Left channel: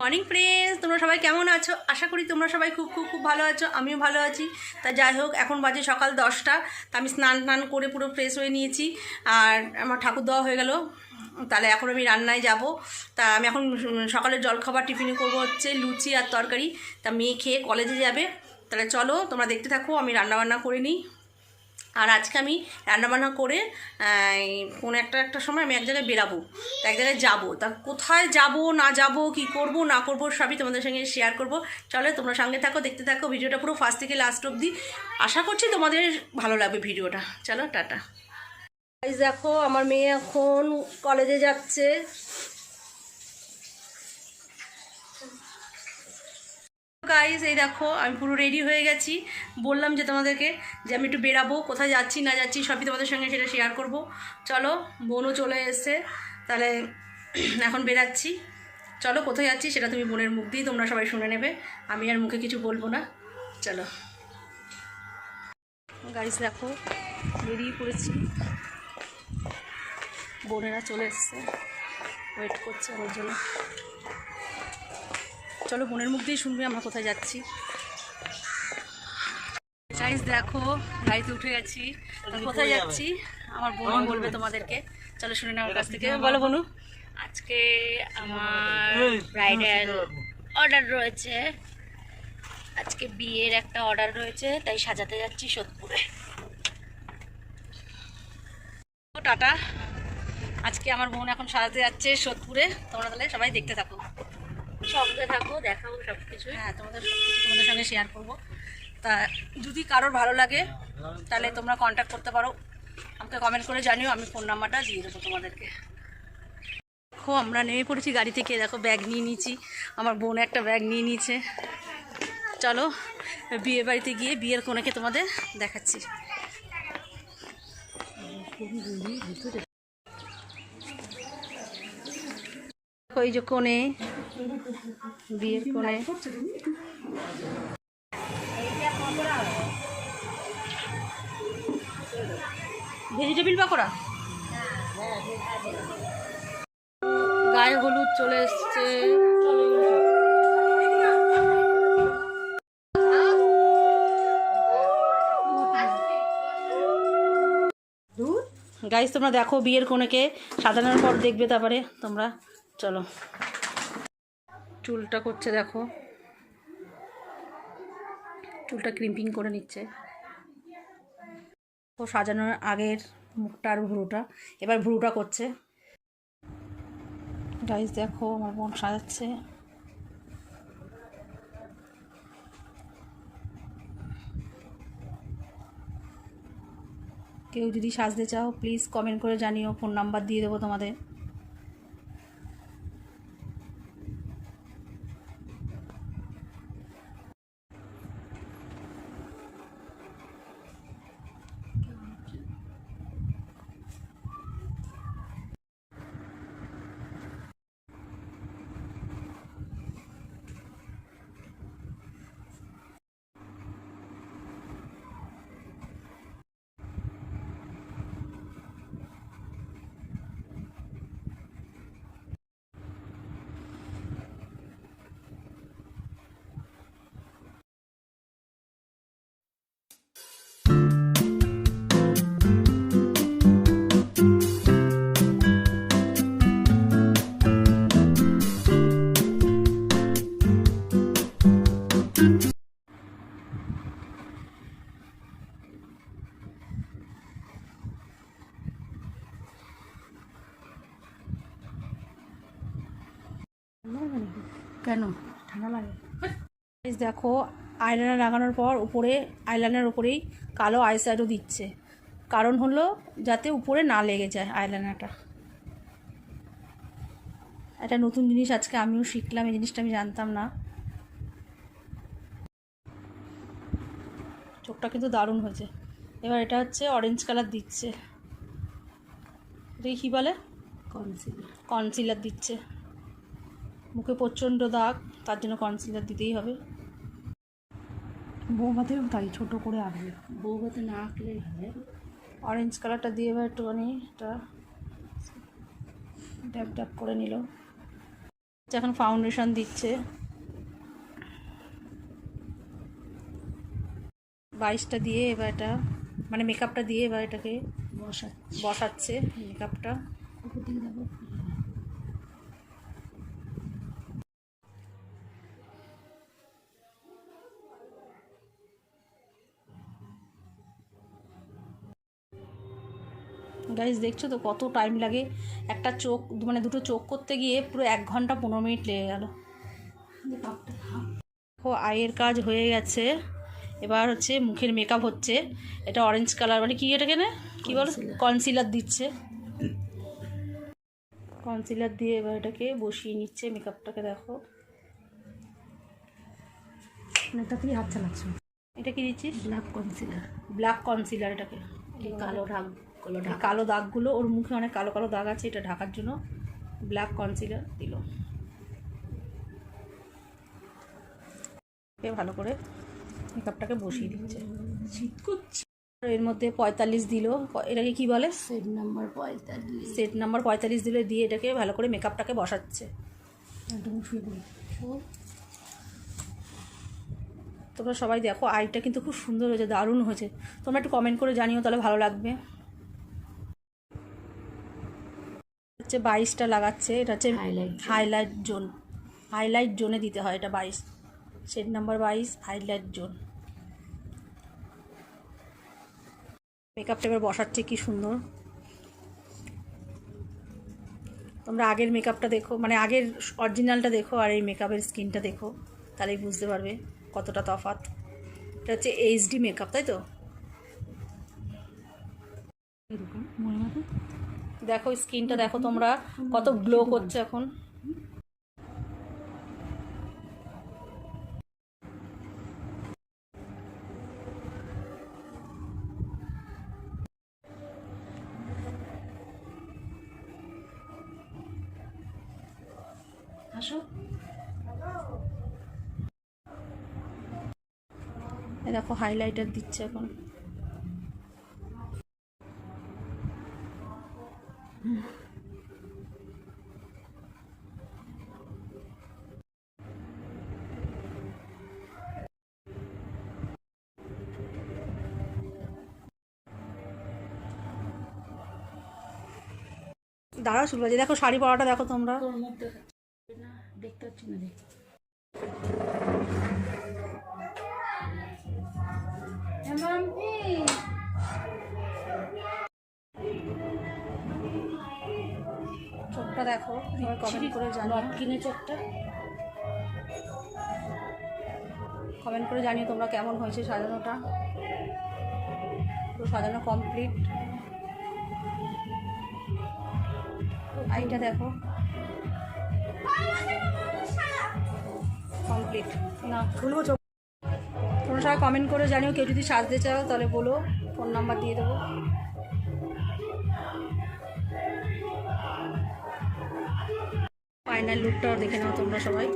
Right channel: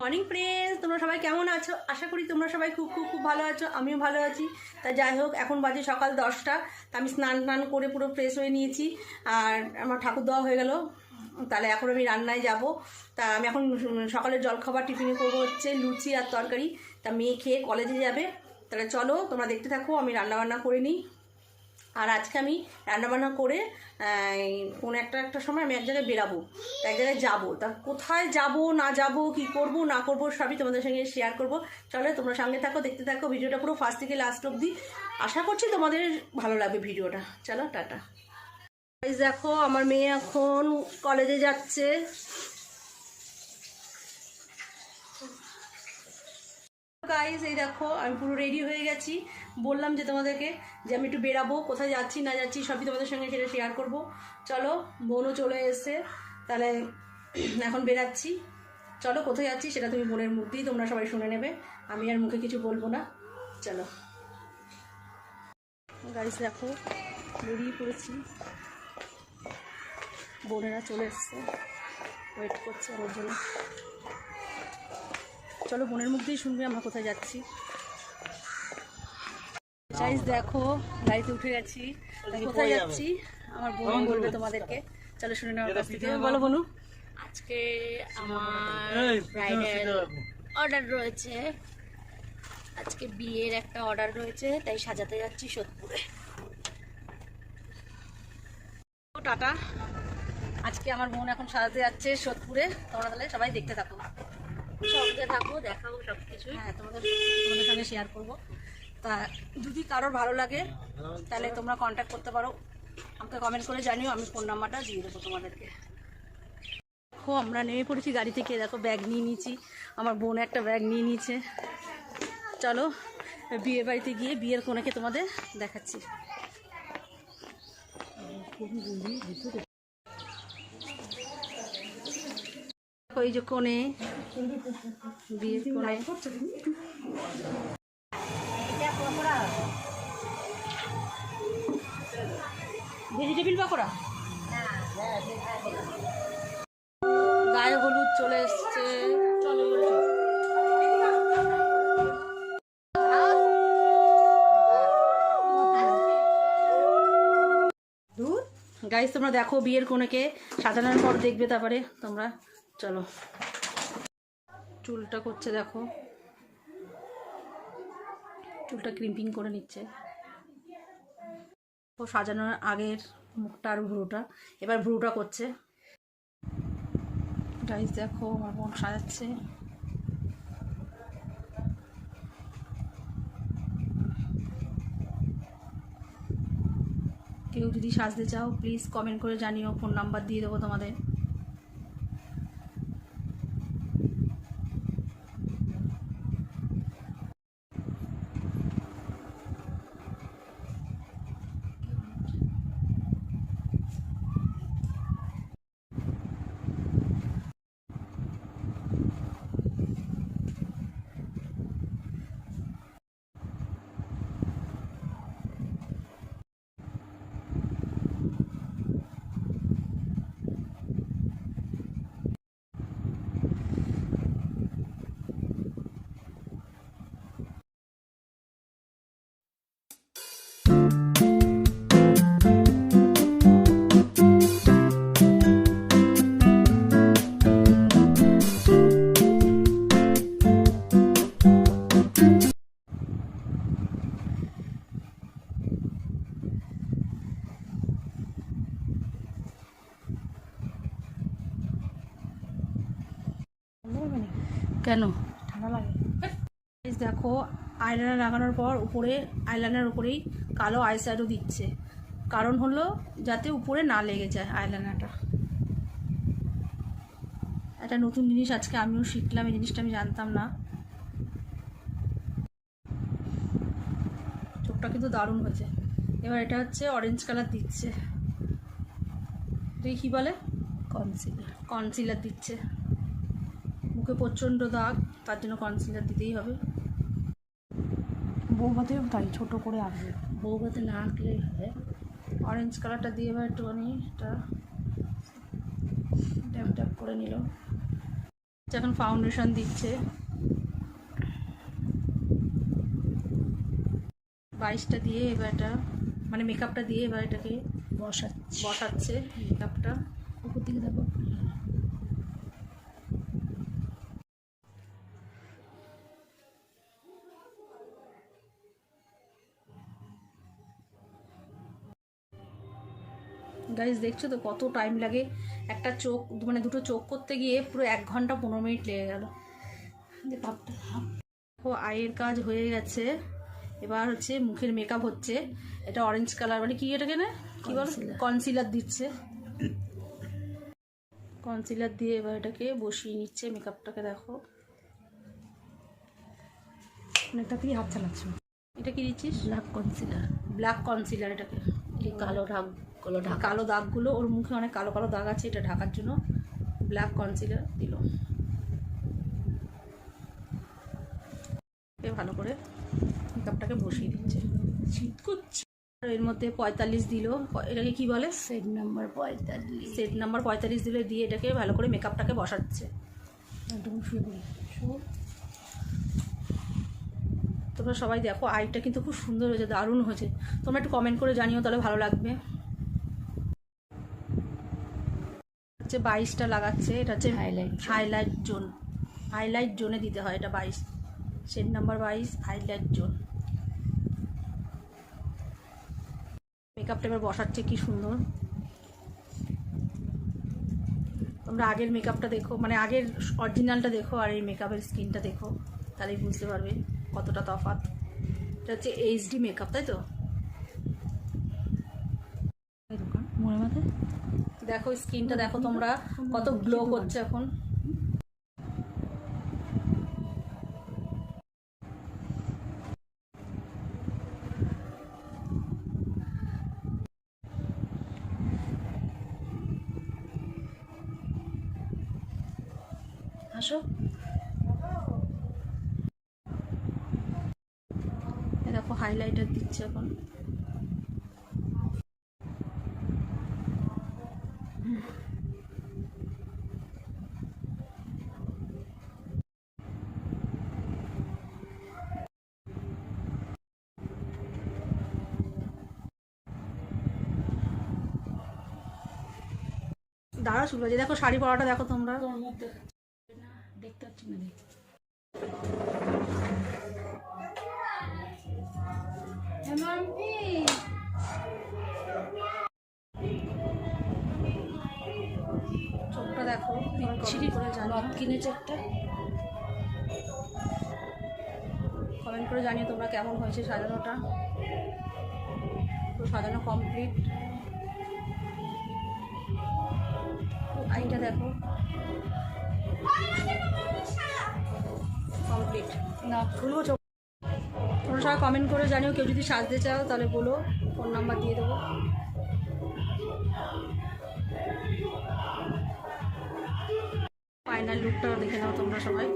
Morning friends তোমরা সবাই কেমন আছো? আশা করি তোমরা সবাই খুব খুব খুব ভালো আছো। আমিও ভালো আছি। তা যাই হোক, এখন বাজে সকাল দশটা। তা আমি স্নান টান করে পুরো ফ্রেশ হয়ে নিয়েছি। আর আমার ঠাকুর দেওয়া হয়ে গেল। তাহলে এখন আমি রান্নায় যাব। তা আমি এখন সকালের জলখাবার টিফিনে করব হচ্ছে লুচি আর তরকারি। তা মেয়ে খেয়ে কলেজে যাবে। তাহলে চলো, তোমরা দেখতে থাকো, আমি রান্নাবান্না করে নিই। আর আজকে আমি রান্নাবান্না করে কোনো একটা একটা সময় আমি এক জায়গায় বেরাবো, এক জায়গায় যাব। তা কোথায় যাব, না যাব, কি করব, না করব, সবই তোমাদের সঙ্গে শেয়ার করব। চলো তোমরা সঙ্গে থাকো, দেখতে থাকো, ভিডিওটা পুরো ফার্স্ট থেকে লাস্ট অবধি। আশা করছি তোমাদের ভালো লাগবে ভিডিওটা। চলো, টাটা। দেখো, আমার মেয়ে এখন কলেজে যাচ্ছে। গাইজ এই দেখো, আমি পুরো রেডি হয়ে গেছি। বললাম যে তোমাদেরকে যে আমি একটু বেরাবো, কোথায় যাচ্ছি, না যাচ্ছি, সবই তোমাদের সঙ্গে সেটা শেয়ার করব। চলো, বোনও চলে এসছে, তাহলে এখন বেরাচ্ছি। চলো, কোথায় যাচ্ছি, সেটা তুমি বোনের মুখ দিয়ে তোমরা সবাই শুনে নেবে। আমি আর মুখে কিছু বলব না। চলো। গাইজ দেখো, বেরিয়ে পড়েছি। বোনেরা চলে এসছে। ওয়েট করছে আমার জন্য। চলো বোনের মুখ দিয়ে শুনবি আমরা কোথায় যাচ্ছি। দেখো গাড়িতে উঠে গেছি। কোথায় যাচ্ছি? আমার বোন বলবে তোমাদেরকে। চলো শুনে নেওয়ার কাছ থেকে। বলো বনু। আজকে আমার ব্রাইডাল অর্ডার রয়েছে। আজকে বিয়ের একটা অর্ডার রয়েছে তাই সাজাতে যাচ্ছি সোদপুরে। টাটা। আজকে আমার বোন এখন সাজাতে যাচ্ছে সোদপুরে। তোমরা তাহলে সবাই দেখতে থাকো। সঙ্গে থাকো দেখাও সব কিছু হ্যাঁ তোমাদের তোমাদের সঙ্গে শেয়ার করব তা যদি কারোর ভালো লাগে তাহলে তোমরা কন্ট্যাক্ট করতে পারো আমাকে কমেন্ট করে জানিও আমি ফোন নাম্বারটা দিয়ে দেবো তোমাদেরকে দেখো আমরা নেমে পড়েছি গাড়ি থেকে দেখো ব্যাগ নিয়ে নিয়েছি আমার বোন একটা ব্যাগ নিয়ে নিয়েছে চলো বিয়ে বাড়িতে গিয়ে বিয়ের কোনেকে তোমাদের দেখাচ্ছি ওই যে কোণে বিয়ের কোণে। ভেজিটেবিল পাকোড়া? গায়ে হলুদ চলে এসছে। গাইস তোমরা দেখো বিয়ের কোনেকে সাজানোর পর দেখবে তারপরে তোমরা। চলো। চুলটা করছে দেখো। চুলটা ক্রিম্পিং করে নিচ্ছে। ও সাজানোর আগের মুখটা আর ভুরুটা। এবার ভুরুটা করছে। গাইস দেখো, আমার বোন সাজাচ্ছে। কেউ যদি সাজতে চাও প্লিজ কমেন্ট করে জানিও। ফোন নাম্বার দিয়ে দেবো তোমাদের। কেন? ঠান্ডা লাগে। দেখো আইলাইনার লাগানোর পর উপরে আইলাইনার উপরেই কালো আইশ্যাডো দিচ্ছে। কারণ হলো যাতে উপরে না লেগে যায় আইলাইনারটা একটা নতুন জিনিস আজকে আমিও শিখলাম এই জিনিসটা আমি জানতাম না। চোখটা কিন্তু দারুণ হয়েছে। এবার এটা হচ্ছে অরেঞ্জ কালার দিচ্ছে। দেখি কী বলে? কনসিলার কনসিলার দিচ্ছে। প্রচণ্ড দাগ তার জন্য কনসিলার দিতেই হবে। বৌভাতেও তাই ছোট করে আঁকবে। বউভাতে না আঁকলেই হবে। অরেঞ্জ কালারটা দিয়ে এবার একটুখানি এটা ড্যাপ ড্যাপ করে নিল। এখন ফাউন্ডেশন দিচ্ছে। বাইশটা দিয়ে এবার এটা মানে মেকআপটা দিয়ে এবার এটাকে বসাচ্ছি। বসাচ্ছে মেকআপটা গাইজ দেখছ তো কত টাইম লাগে? একটা চোখ মানে দুটো চোখ করতে গিয়ে পুরো এক ঘণ্টা পনেরো মিনিট লেগে গেল। দেখো আয়ের কাজ হয়ে গেছে। এবার হচ্ছে মুখের মেকআপ হচ্ছে। এটা অরেঞ্জ কালার মানে কি এটাকে না? কি বল? কনসিলার দিচ্ছে। কনসিলার দিয়ে এবার এটাকে বসিয়ে নিচ্ছে মেকআপটাকে দেখো। অনেকটাতেই হাত চালাচ্ছো? এটা কি দিচ্ছিস? ব্ল্যাক কনসিলার ব্ল্যাক কনসিলার এটাকে। কালো দাগগুলো এই কালো দাগগুলো ওর মুখে অনেক কালো কালো দাগ আছে এটা ঢাকার জন্য ব্ল্যাক কনসিলার দিল। ভালো করে মেকআপটাকে বসিয়ে দিচ্ছে। শীত করছি। এর মধ্যে পঁয়তাল্লিশ দিল। এটাকে কি বলে? সেট নাম্বার পঁয়তাল্লিশ। সেট নাম্বার পঁয়তাল্লিশ দিলে দিয়ে এটাকে ভালো করে মেকআপটাকে বসাচ্ছে। তোমরা সবাই দেখো আইটা কিন্তু খুব সুন্দর হয়েছে দারুণ হয়েছে। তোমরা একটু কমেন্ট করে জানিও তাহলে ভালো লাগবে। হচ্ছে বাইশটা লাগাচ্ছে এটা হচ্ছে. হাইলাইট জোন হাইলাইট জোনে দিতে হয় এটা বাইশ। সেট নাম্বার বাইশ হাইলাইট জোন মেকআপটা এবার বসাচ্ছে কি সুন্দর। তোমরা আগের মেকআপটা দেখো মানে আগের অরিজিনালটা দেখো আর এই মেকআপের স্কিনটা দেখো তাহলেই বুঝতে পারবে কতটা তফাৎ। এটা হচ্ছে এইচডি মেকআপ তাই তো? দেখো স্কিনটা দেখো তোমরা কত গ্লো করছে এখন। আসো। দেখো হাইলাইটার দিচ্ছে এখন। দাঁড়া শুরু আছে দেখো শাড়ি পরাটা দেখো তোমরা। দেখতে পাচ্ছি চোখটা দেখো করে কিনেছে একটা? কমেন্ট করে জানিও তোমরা কেমন হয়েছে সাজানোটা। পুরো সাজানো কমপ্লিট আইটা দেখো। কমপ্লিট না খুলবো চোখ তোমরা সবাই কমেন্ট করে জানিও, কেউ যদি সাজতে চাও, তাহলে বলো ফোন নাম্বার দিয়ে দেবো। ফাইনাল লুকটাও দেখে নাও তোমরা সবাই।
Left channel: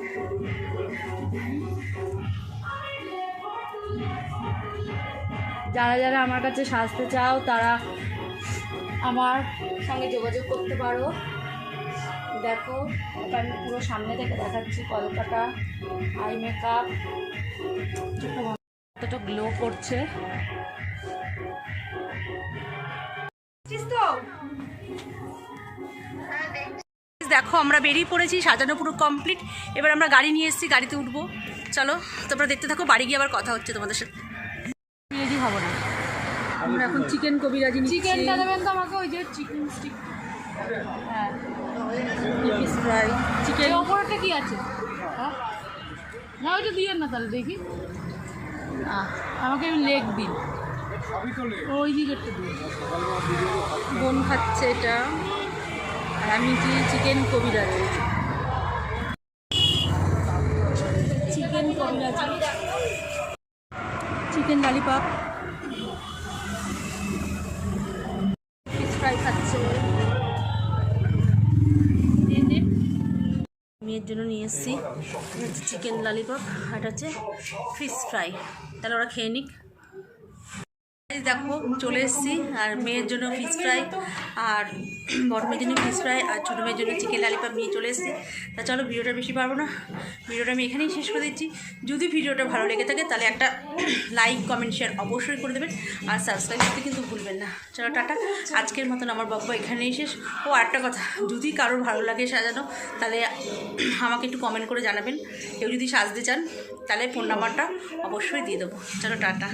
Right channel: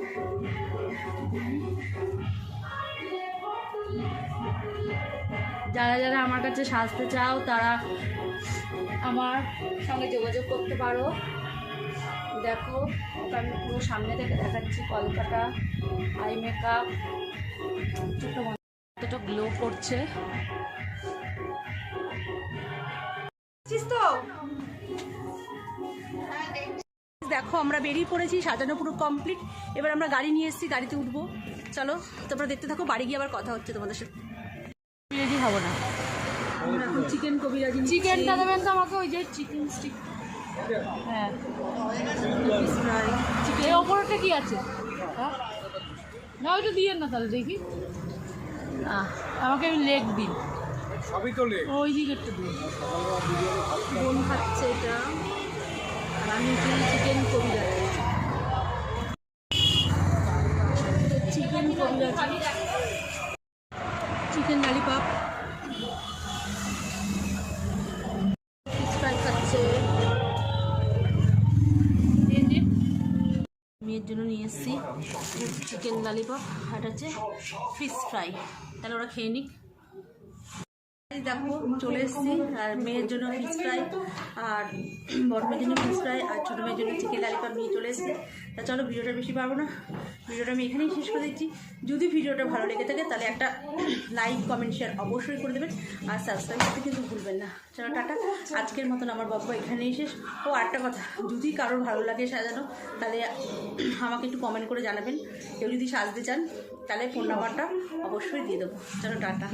যারা যারা আমার কাছে সাজতে চাও, তারা আমার সঙ্গে যোগাযোগ করতে পারো। দেখো ওটা আমি পুরো সামনে থেকে দেখাচ্ছি কলকাতা আই মেকআপ কতটা গ্লো করছে। দেখো আমরা বেরিয়ে পড়েছি সাজানো পুরো কমপ্লিট এবার আমরা গাড়ি নিয়ে এসেছি গাড়িতে উঠবো। চলো তোমরা দেখতে থাকো বাড়ি গিয়ে আবার কথা হচ্ছে তোমাদের সাথে। রেডি হব না। আমরা এখন চিকেন কবিরাজি চিকেনটা দেবেন তো আমাকে ওই যে চিকেন স্টিক হ্যাঁ। ফিশ ফ্রাই চিকেন ওপরটা কি আছে? হ্যাঁ? না ওইটা দিয়েন না তাহলে দেখি। আমাকে লেগ দিন। ওই দিকেরটা দিন। বোন খাচ্ছে এটা। আর আমি চিকেন কবিরা চিকেন মেয়ের জন্য নিয়ে এসেছি। চিকেন লালিপপ আর হচ্ছে ফিশ ফ্রাই তাহলে ওরা খেয়ে নিক। দেখো, চলে এসেছি, আর মেয়ের জন্য ফিশ ফ্রাই আর বড় মেয়ের জন্য ফিশ ফ্রাই আর ছোটো মেয়ের জন্য চিকেন লালিপাপ নিয়ে চলে এসেছি। তা চলো, ভিডিওটা বেশি পারব না। ভিডিওটা আমি এখানেই শেষ করে দিচ্ছি। যদি ভিডিওটা ভালো লেগে থাকে, তাহলে একটা লাইক কমেন্ট শেয়ার অবশ্যই করে দেবেন। আর সাবস্ক্রাইব করতে কিন্তু ভুলবেন না। চলো, টাটা। আজকের মতন আমার বাবা এখানেই শেষ। ও, আরেকটা কথা, যদি কারোর ভালো লাগে সাজানো, তাহলে আমাকে একটু কমেন্ট করে জানাবেন। কেউ যদি সাজতে চান, তাহলে ফোন নাম্বারটা অবশ্যই দিয়ে দেবো। চলো, টাটা।